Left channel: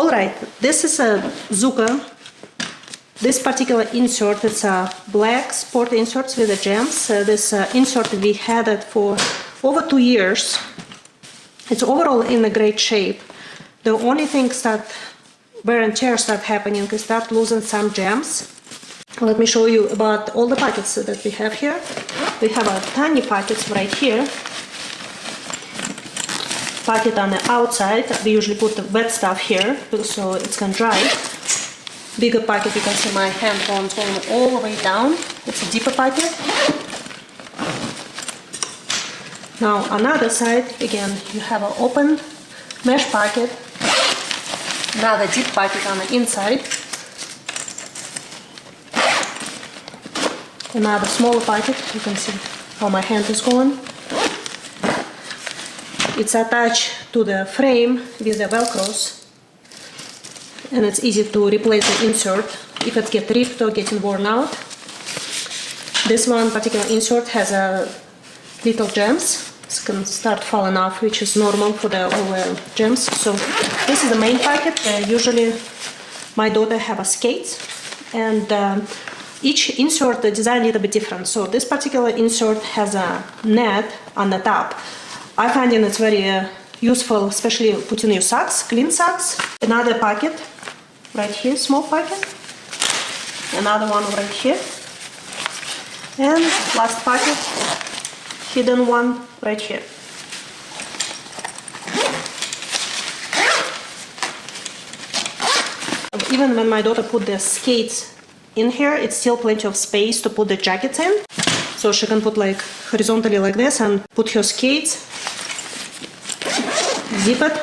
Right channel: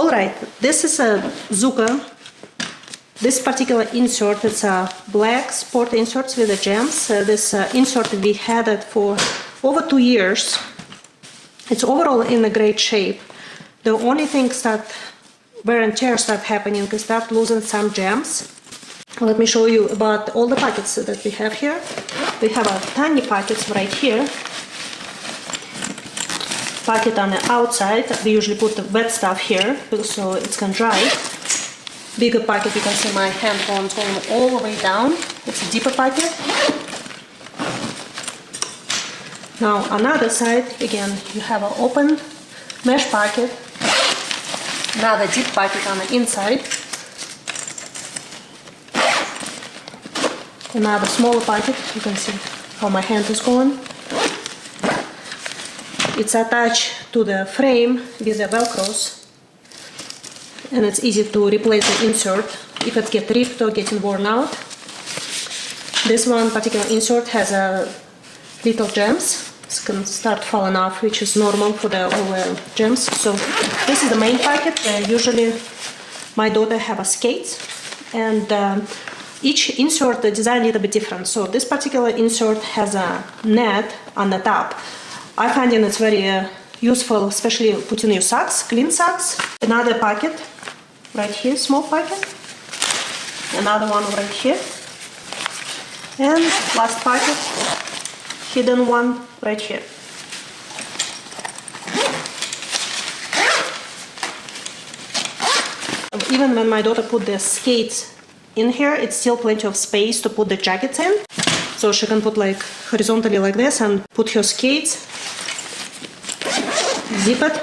Alright, this is a ZUCA. This particular insert is a black sport insert with the gems. This insert we had it for over 2 years. It's overall in a great shape. The only things that wear and tear start happening is start losing some gems. Let me show you about all the pockets that we have here. We have a tiny pockets right here. Pocket on the outside. We usually put the wet stuff here so it can dry. Bigger pocket, you can see my hand going all the way down. It's a deeper pocket. Now on either side, again, you have an open mesh pocket. Now the deep pocket on the inside. Another smaller pocket, you can see how my hand is going. It's attached to the frame with the velcros. And it's easy to replace the insert if it gets ripped or getting worn out. This one particular insert has a little gems. It's gonna start falling off, which is normal for the over gems. So this is the main packet. Usually my daughter have a skates, and each insert the design a little bit different. So this particular insert has a net on the top. I find it's very useful, especially putting your socks, clean socks. Another pocket right here, small pocket. Another one right here. And last pocket, hidden one right here. And even when my daughter put the skates in here, it's still plenty of space to put the jackets in. So she can put like horizontally like this and put her skates. Zip it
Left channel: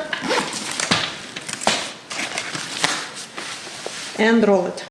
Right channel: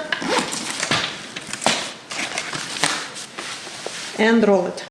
and roll it.